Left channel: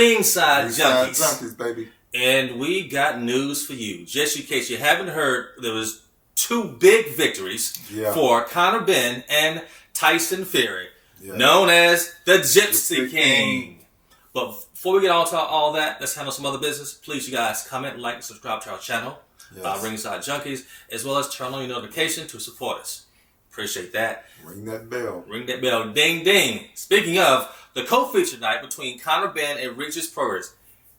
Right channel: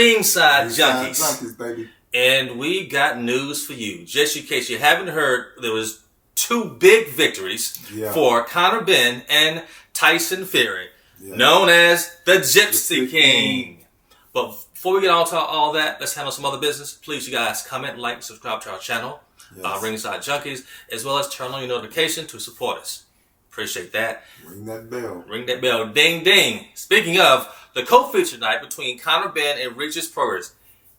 Ringside Junkies. Junkies, baby. And we got news for you. Just in case you haven't heard, there was 2 big victories for Conor Benn and Tyson Fury, known as the Gypsy King. But before we get on to all that, let's handle some other business. Please, you guys, comment, like, and subscribe to our channel, Ringside Junkies, as well as turn on your notification to support us. Appreciate that. Ring that bell. Ring that bell. Ding, ding. Speaking of, the co-feature night between Conor Benn and Regis Progress.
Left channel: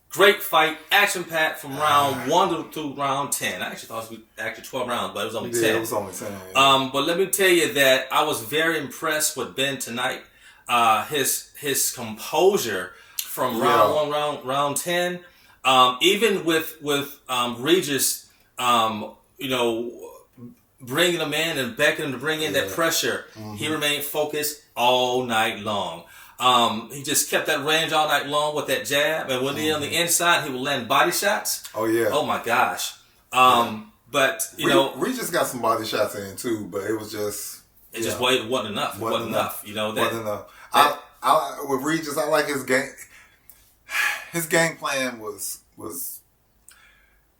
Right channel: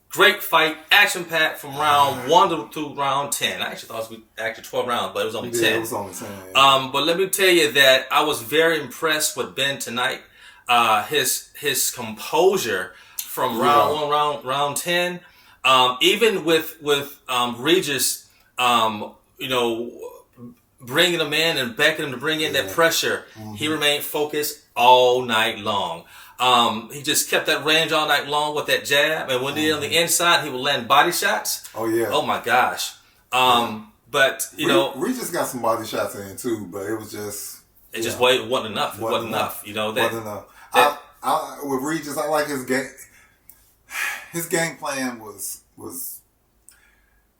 Great fight, action-packed from round 1 through round 10. I actually thought it was 12 rounds, but it was only 10. Yeah, it was only 10. But let me tell you that I was very impressed with Ben tonight. His composure from round 1, round 10. Even with Regis, bringing him in and beckoning him to bring in that pressure, he remained focused all night long. He just kept that range all night long with that jab, and when he on the inside, he would land body shots. Oh yeah! Oh my gosh! But Regis got some body shots in too, but it was just wasn't enough. It wasn't enough. Wasn't enough. With Regis, I like his game. His game plan was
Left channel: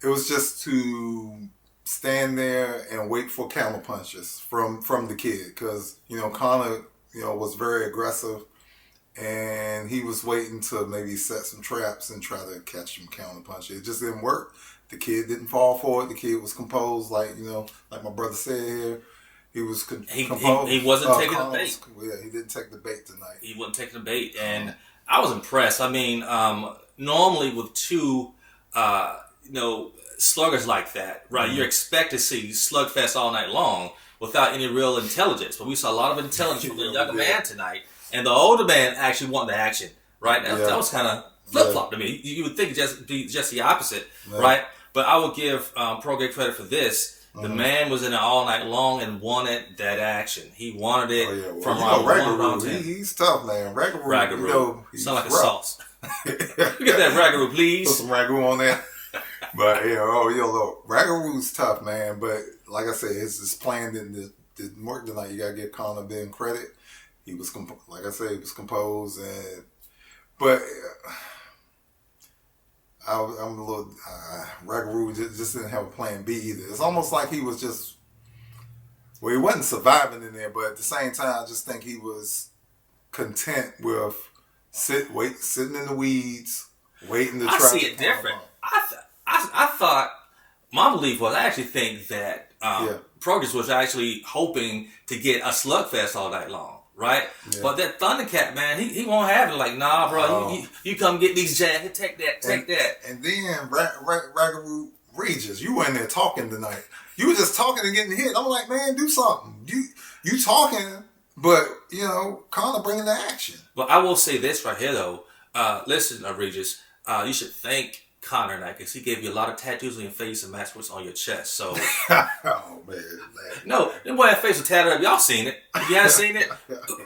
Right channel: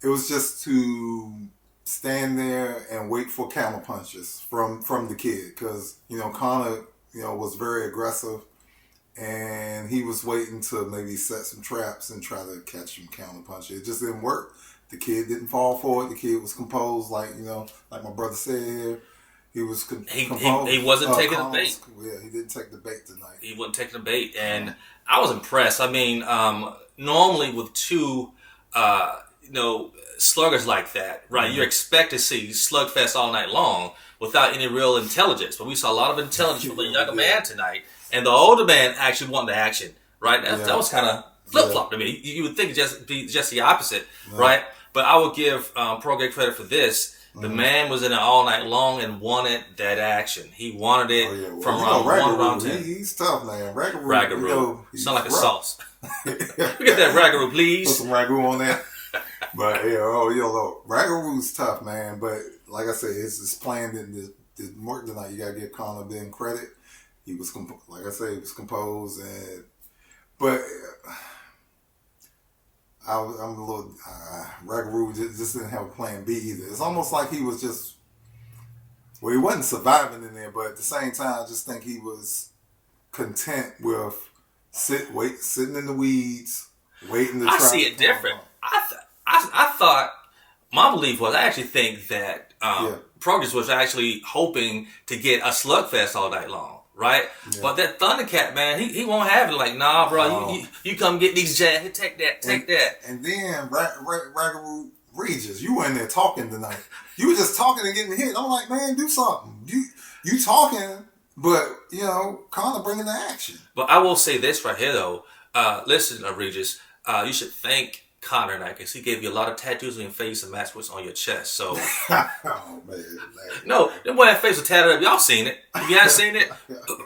just to stand there and wait for counter punches from the kid, because Conor was very aggressive. And he was waiting to maybe set some traps and try to catch some counter punches. It just didn't work. The kid didn't fall for it. The kid was composed, like my brother said here. He was composed. He wasn't taking the bait. He didn't take the bait tonight. He wasn't taking the bait, and I was impressed. I mean, normally with 2, sluggers like that, right? You expect to see slugfest all night long without any real intelligence. But we saw a lot of intelligence from the younger man tonight. And the older man actually wanted the action, right? That was kind of flip-flop to me. You would think it'd be just the opposite, right? But I would give Progress credit for this. The man was in it all night long and wanted that action. He wanted it from round 1 to round 10. He's tough, man. Ragaroo. Sound like a sauce. Get that ragaroo, please. Put some ragu on there. But, ragaroo's tough, man. But, like I said, his plan didn't work tonight. You got to give Conor Ben credit. He was, like I said, he was composed, but I'm a little Ragaroo just didn't have a plan B either. It's almost like he was just, he wasn't surviving in there, but at the same time, I just think he was content with sitting in the weeds, waiting to try. I see it different. I thought, my belief was, I actually think that Progress was actually hoping to get a slugfest all night long. Right? Yeah. But that Thundercat, man, he won't have it. Like, nah, bro, you come get these jabs. Take that. And then Ragaroo Regis, you were in there talking tonight. You were just talking and getting hit. I'm like, man, do something. You talking, but, Conor bringing the action. But I will say this right here, though. Listen, Regis, you should thank Conor tonight, because he gave you a lot of tattoos on your face and match what's on your chest. So, oh man. No, that boy face was tatted up. Y'all seen it? If you haven't seen it,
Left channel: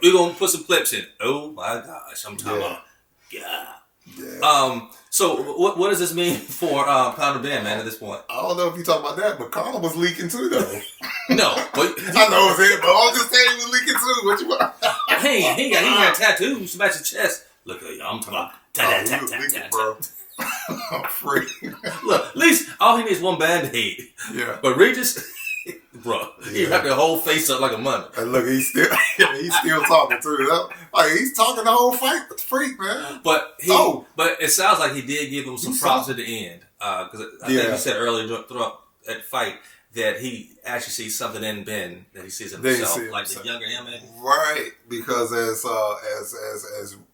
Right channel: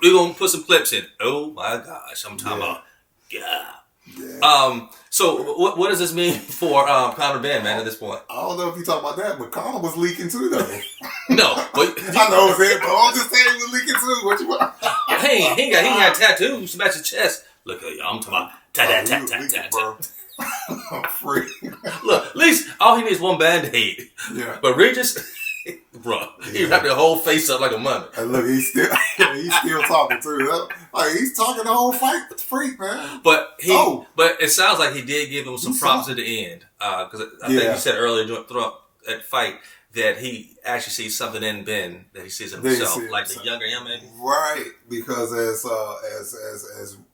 we're gonna put some clips in. Oh my gosh, I'm talking about. Yeah. So what does this mean for Conor Benn, man? At this point, I don't know if you talk about that, but Conor was leaking too, though. No, but I know it's it, but I'm just saying he was leaking too. What you want? He had tattoos to match his chest. Look at you, I'm talking about tat. I'm free. Look, at least all he needs is one Band-Aid. Yeah. But Regis, bro, he wrapped their whole face up like a mummy. And look, he's still talking too. Like, he's talking the whole fight with the freak, man. But it sounds like he did give him some props at the end. Because I think he said earlier throughout that fight that he actually sees something in Ben that he sees in himself, like the younger him, maybe. Right, because as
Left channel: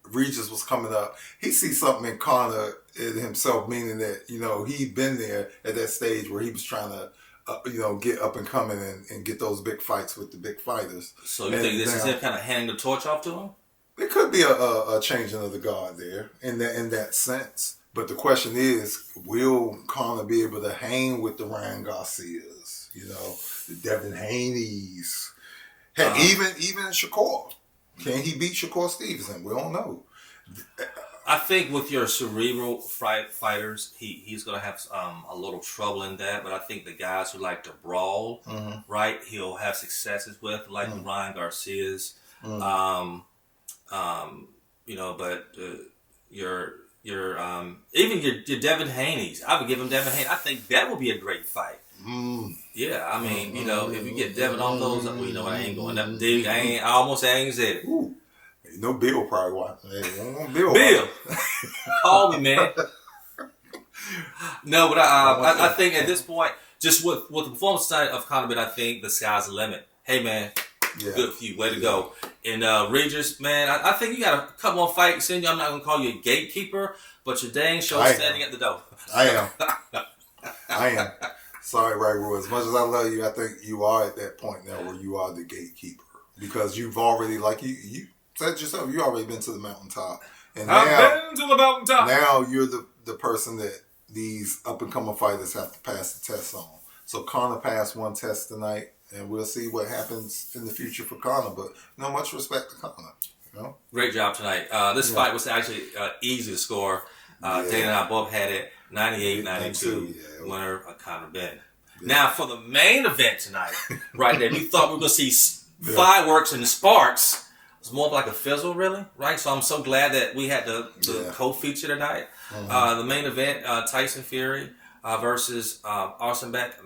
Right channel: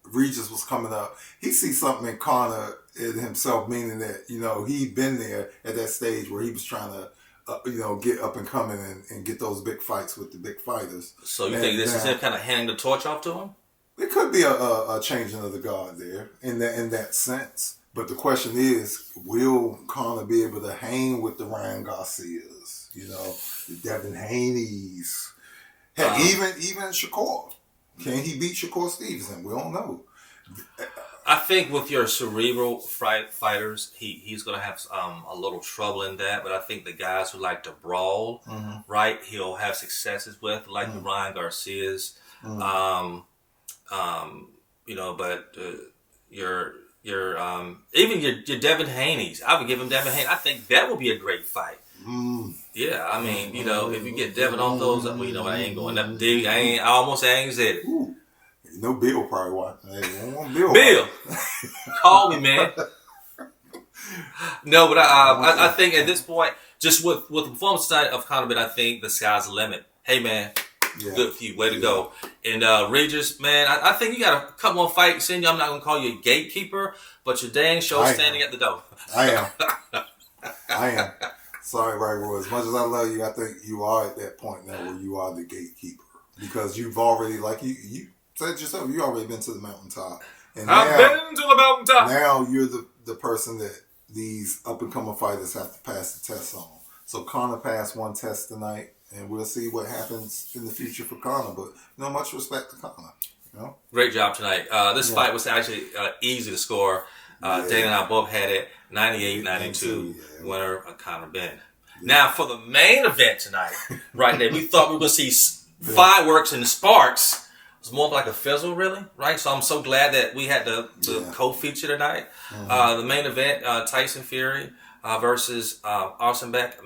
Regis was coming up, he sees something in Conor in himself, meaning that he'd been there at that stage where he was trying to get up and coming and get those big fights with the big fighters. So you think this is him kind of handing the torch off to him? There could be a changing of the guard there in that sense. But the question is, will Conor be able to hang with the Ryan Garcias, the Devin Haney's, even Shakur? Can he beat Shakur Stevenson? We don't know. I think with your cerebral fighters, he's going to have a little trouble in that. But I think the guys who like to brawl, right, he'll have successes with, like the Ryan Garcias. But even your Devin Haney's. I would give him Devin Haney. I think that would be a great fight. Yeah, I mean, if you get Devin on those, I ain't going up deep. I ain't said it. Ooh. Bill probably watching. Hey, Bill, call me, man. No, but I think at this point, just with the performance side of Conor, but I think the sky's the limit. Hey, man, good for you. Way to go. And Regis, man, I think you got a couple more fights in you. I'm not going to call you a gatekeeper, but you're dang sure standing at the door. I am. Sorry, Ragu. As much as I love you, I think you are at that point now where you are the gatekeeper. Because you've already, like you said yourself, you already been to the mountaintop. And I've been to the mountaintop. Now you're the person that these up-and-coming fighters have to pass the test on. So Conor passed one test tonight, and we'll see what happens in the future for Conor. But much respect to Conor. Great job tonight. This fight was actually easy to score. Dana and I both had it 98-92. Winner of Conor Ben. Now for the main event tonight, right there, we thought we were going to see fireworks and sparks. It was more like a fizzle, really, right? So I'm so glad that we had the co-feature tonight. The main event, Tyson Fury versus Arslanbek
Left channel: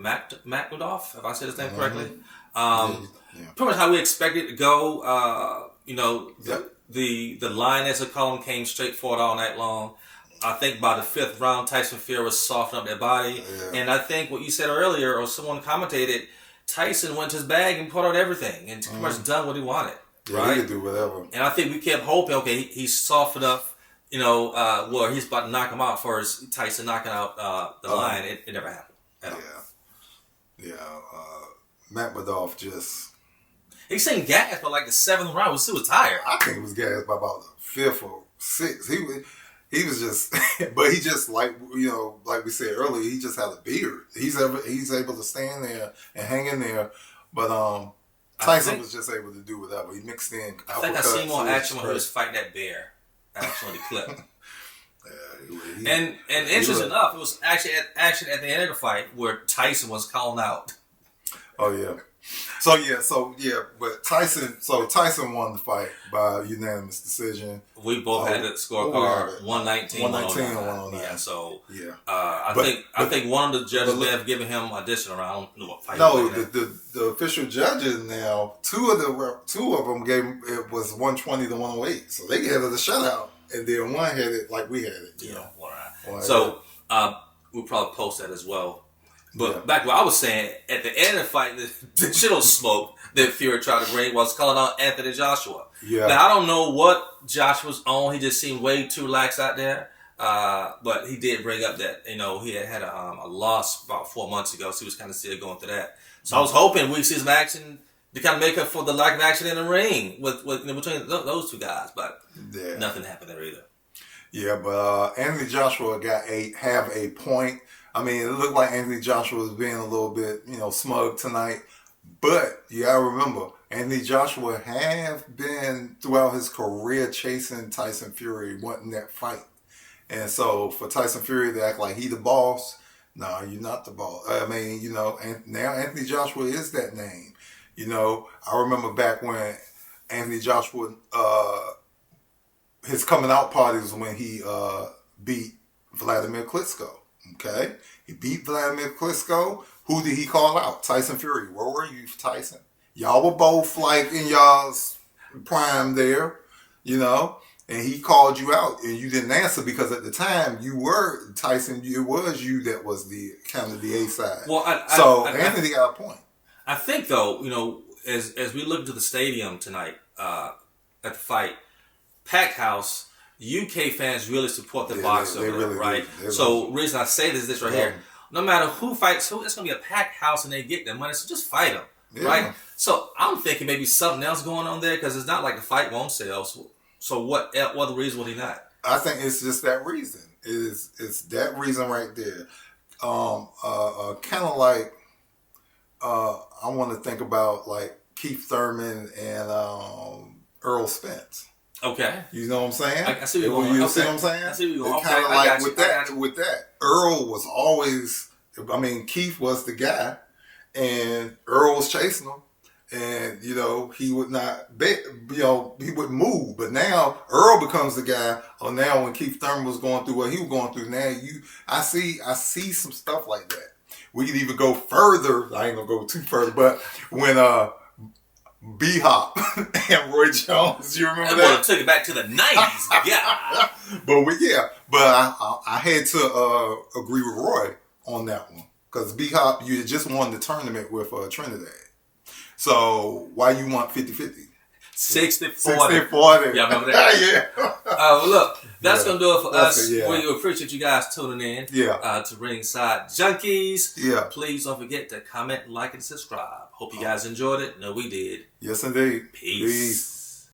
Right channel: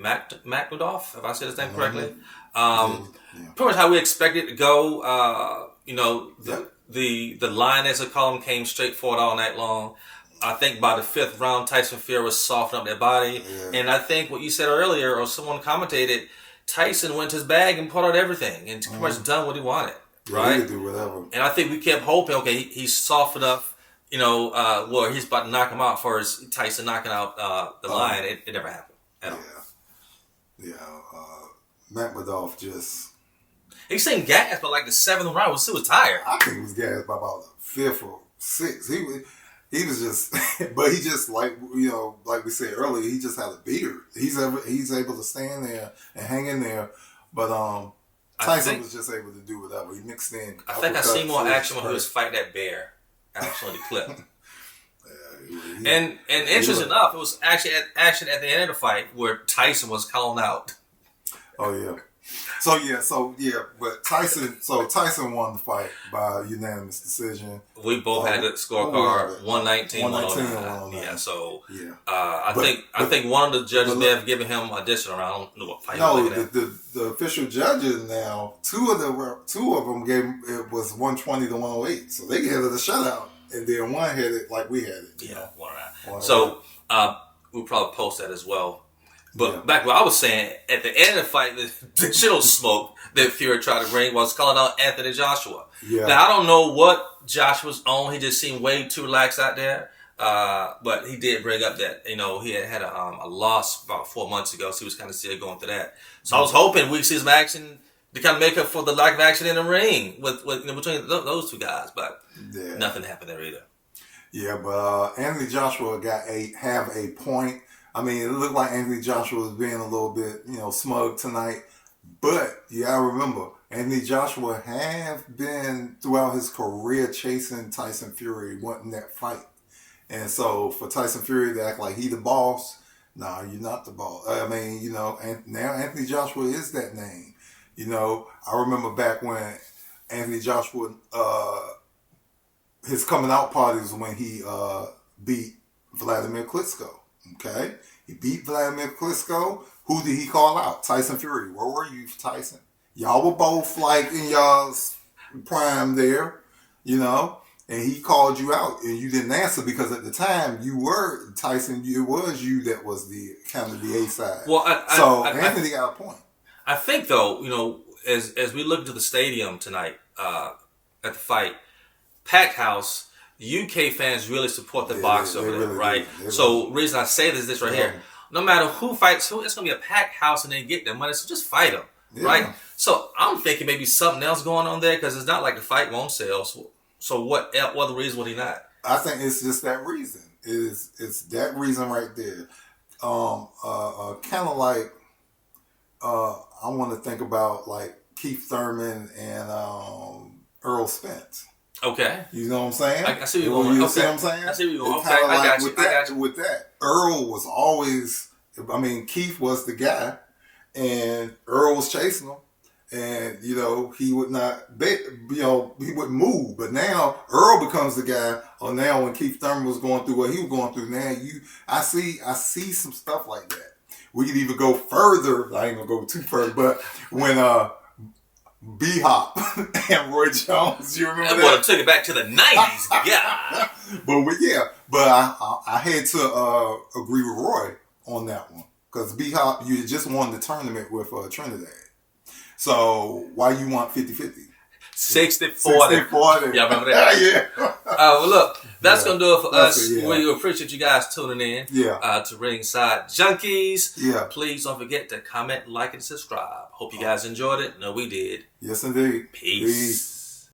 Makhmudov, if I said his name correctly. Pretty much how we expected it to go. The Lioness of column came straight forward all night long. I think by the fifth round, Tyson Fury was softening up their body. Yeah. And I think what you said earlier, or someone commentated, Tyson went to his bag and pulled out everything and pretty much done what he wanted. Right? He could do whatever. And I think we kept hoping, okay, he's soft enough, where he's about to knock him out for his Tyson knocking out the Lion. It never happened at all. Makhmudov just... He seemed gassed by like the seventh round. He was tired. I think he was gassed by about the fifth or sixth. He was just, but he just like we said earlier, he just had a beard. He's able to stand there and hang in there. But Tyson was just able to do whatever. He mixed in. I think I seen more action when he was fighting that bear. Actually, the clip. And interesting enough, it was actually action at the end of the fight where Tyson was calling out. Oh yeah. But Tyson won the fight by unanimous decision. We both had the scorecard 119, 109. Yeah, so I think one of the judges may have given him additional round. I don't know what fight. No, the official judges now, two of them gave it was 120 to 108, so they had it a shutout, and then one had it like we had it. So we'll probably post that as well. But back what I was saying, at the end of the fight, the shit on smoke that Fury tried to bring was calling out Anthony Joshua. Yeah. Now, I don't know what Joshua's on. He just seemed way too relaxed out there. But he did bring up that, he had a loss about 4 months ago, so he was kind of still going through that. So I was hoping we'd see some action to kind of make up for the lack of action in the ring with between those two guys. But nothing happened there either. Yeah, but Anthony Joshua have a point. I mean, it looked like Anthony Joshua was being a little bit, smug tonight. But you got to remember, Anthony Joshua have been throughout his career chasing Tyson Fury, wanting that fight. And so for Tyson Fury to act like he the boss, no, you're not the boss. I mean, now Anthony Joshua is that name. I remember back when Anthony Joshua, his coming out party was when he beat Vladimir Klitschko. Okay, he beat Vladimir Klitschko. Who did he call out? Tyson Fury. Where were you, Tyson? Y'all were both like in y'all's prime there, and he called you out and you didn't answer because at the time you were Tyson. It was you that was the kind of the A side. Well, Anthony got a point. I think though, as we look into the stadium tonight at the fight, packed house. UK fans really support the box over there, right? So, reason I say this right here. No matter who fights who, it's going to be a packed house and they get their money, so just fight them, right? So, I'm thinking maybe something else going on there because it's not like the fight won't sell. So what other reason would he not? I think it's just that reason. It's that reason right there. Kind of like, I want to think about like Keith Thurman and Earl Spence. Okay. You know what I'm saying? I see what you're going. See what I'm saying? I see what you're going. It's kind of like with that. Earl was always, Keith was the guy, and Earl was chasing him, and he would not bet. He wouldn't move. But now Earl becomes the guy. Or now when Keith Thurman was going through what he was going through, now I see some stuff like that. We could even go further. I ain't gonna go too further, but when B-Hop and Roy Jones, you remember that? I want to take it back to the 90s. Yeah. But I had to agree with Roy on that one. Because B-Hop, you just won the tournament with Trinidad. So why you want 50-50? 60-40. 60-40. Y'all remember that? Yeah. Well, look, that's going to do it for That's us. it, yeah. We appreciate you guys tuning in to Ringside Junkies. Yeah. Please don't forget to comment, like, and subscribe. Hope you guys enjoyed it. No, we did. Yes, indeed. Peace.